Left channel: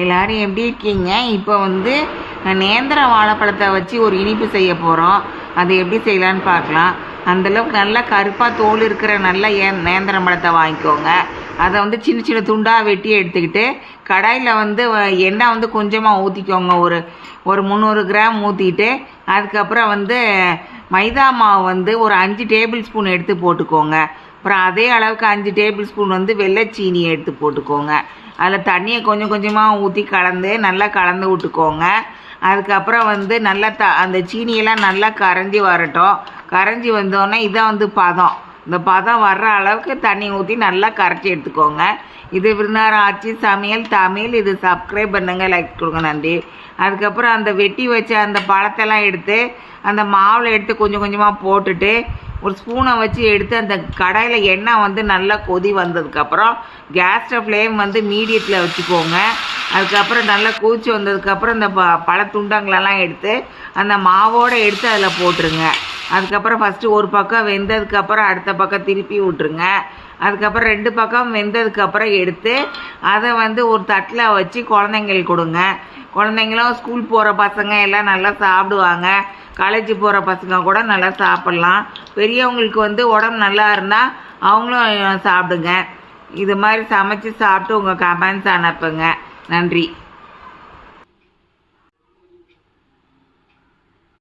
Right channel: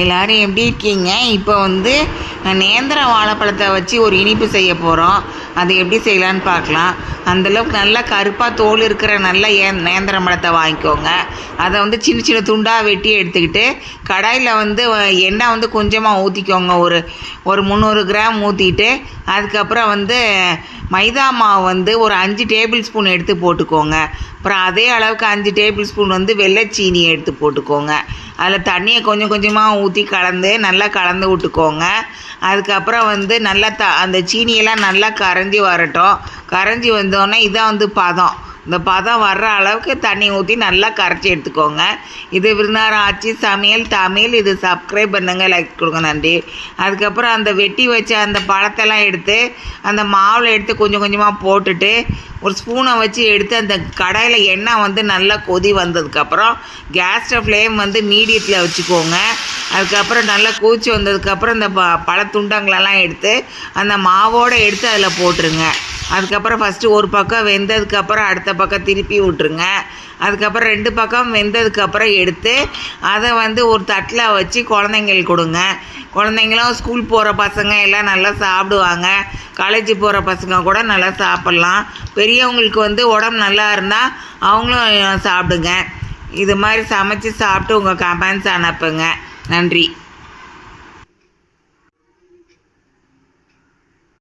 எல்லோரும் எப்படி இருக்கீங்க? இப்போ வந்து நேந்திர வாழைப்பழத்தை வச்சு ஒரு இனிப்பு செய்ய போகிறோம். அது எப்படி செய்யலான்னு பார்க்கலாம். அந்தளவுக்கு நல்லா கருப்பாக தோல் இருக்கிற நல்ல நேந்திரம் பழத்தை வாங்கிக்கோங்க. அதை வந்து சின்ன சின்ன துண்டாக வெட்டி எடுத்துக்கிட்டு கடாயில் வந்து எண்ணெய் வந்து கொஞ்சமாக ஊற்றிக்கோங்க. ஒரு 300 கிராம் ஊற்றிட்டு அதுக்கப்புறம் வந்து மைதா மாவு வந்து ஒரு 5 டேபிள் ஸ்பூன் எடுத்து போட்டுக்கோங்க. அப்புறம் அதே அளவுக்கு 5 டேபிள் ஸ்பூன் வந்து வெள்ளைச்சீனி எடுத்து போட்டுக்கோங்க. அதில் தண்ணியை கொஞ்சம் கொஞ்சமாக ஊற்றி நல்லா கலந்து விட்டுக்கோங்க. அதுக்கப்புறம் வந்து நல்லா அந்த சீனியெல்லாம் நல்லா கரைஞ்சி வரட்டும். கரைஞ்சி வந்தோடனே இதான் வந்து பதம். இந்த பதம் வர்ற அளவுக்கு தண்ணி ஊற்றி நல்லா கரைச்சி எடுத்துக்கோங்க. இது விருந்தாரம் ஆச்சி சமையல் தமிழ். இது சப்ஸ்கிரைப் பண்ணுங்கள், லைக் கொடுங்க, நன்றி. அதுக்கப்புறம் அந்த வெட்டி வச்ச அந்த பழத்தெல்லாம் எடுத்து அந்த மாவில் எடுத்து கொஞ்சம் கொஞ்சமாக போட்டுட்டு ஒரு ஸ்பூனை வச்சு எடுத்து அந்த கடாயில் எண்ணெய் வந்து நல்லா கொதி வந்ததுக்கப்புறம் கேஸ் ஃப்ளேம் வந்து மீடியத்தில் வச்சுக்கோங்க. அதுக்கப்புறம் நல்லா கொதிச்சு வந்ததுக்கப்புறம் இந்த பழத்துண்டங்களெல்லாம் எடுத்து அந்த மாவோடு எடுத்து அதில் போட்டுருங்க. அதுக்கப்புறம் ஃபஸ்ட்டு ஒரு பக்கம் வெந்ததுக்கப்புறம் அடுத்த பக்கம் திருப்பி விட்ருங்க. அதுக்கப்புறம் 2 பக்கம் வெந்ததுக்கப்புறம் எடுத்து அதை வந்து ஒரு தட்டில் வச்சு குழந்தைங்களுக்கு கொடுங்க. குழந்தைங்களும் ஸ்கூல் போகிற பசங்க எல்லாம் நல்லா சாப்பிடுவாங்க. காலேஜ் போகிற பசங்க கூட நல்லா சாப்பிட்லாம். பெரியவங்களுக்கு வந்து உடம்பு நல்லா இருந்தால் அவங்களும் சாப்பிடுங்க. இது மாதிரி சமைச்சு சாப்பிட்டு உங்கள் கமெண்ட்ஸ் அனுப்புங்க. நன்றி.